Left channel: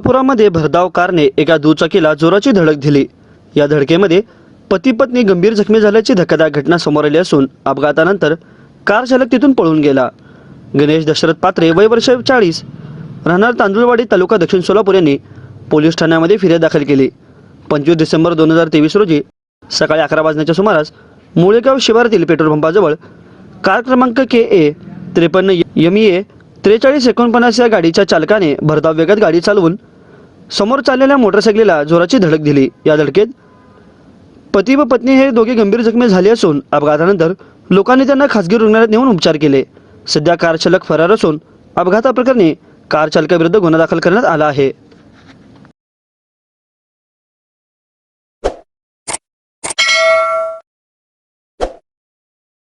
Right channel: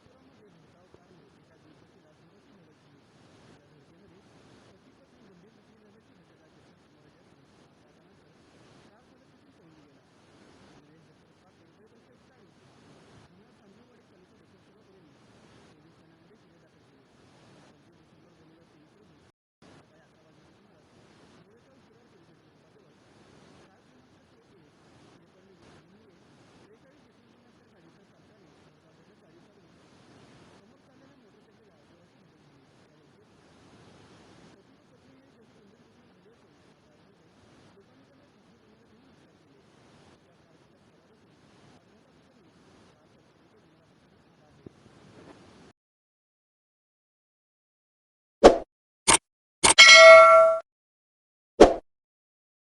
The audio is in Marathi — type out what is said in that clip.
सोलापुरामध्ये भरधाव कारने एका दुचाकीला जोराची धडक दिली। या धडकेमध्ये पती पत्नी गंभीर जखमी झाल्याची धक्कादायक घटना समोर आली असून अपघातानंतर कार चालक तिथून पळून गेला। गणेश दशरथ पात्रे वय वर्ष 40 राहणार तांदुळवाडी तालुका दक्षिण सोलापूर यांनी पोलीस ठाण्यामध्ये फिर्याद दाखल केली। 25 डिसेंबर 2023 रोजी सकाळी 11 वाजण्याच्या सुमारास मुळेगाव शिवारातील पेट्रोल पंपाजवळ कार क्रमांक KA 53 ME 4349 या गाडीच्या चालकाने भरधाव वेगात गाडी चालवून समोर चाललेल्या मोटरसायकलीला जोराची धडक दिली। या धडकेत पती व पत्नी हे दोघे गंभीर जखमी झाले असून अपघातानंतर लोकांनी त्यांना खासगी रुग्णालयात नेऊन उपचार केले। सध्या कार चालक फरार असून अपघाताप्रकरणी कार चालकाविरुद्ध गुन्हा दाखल करण्यात आला आहे।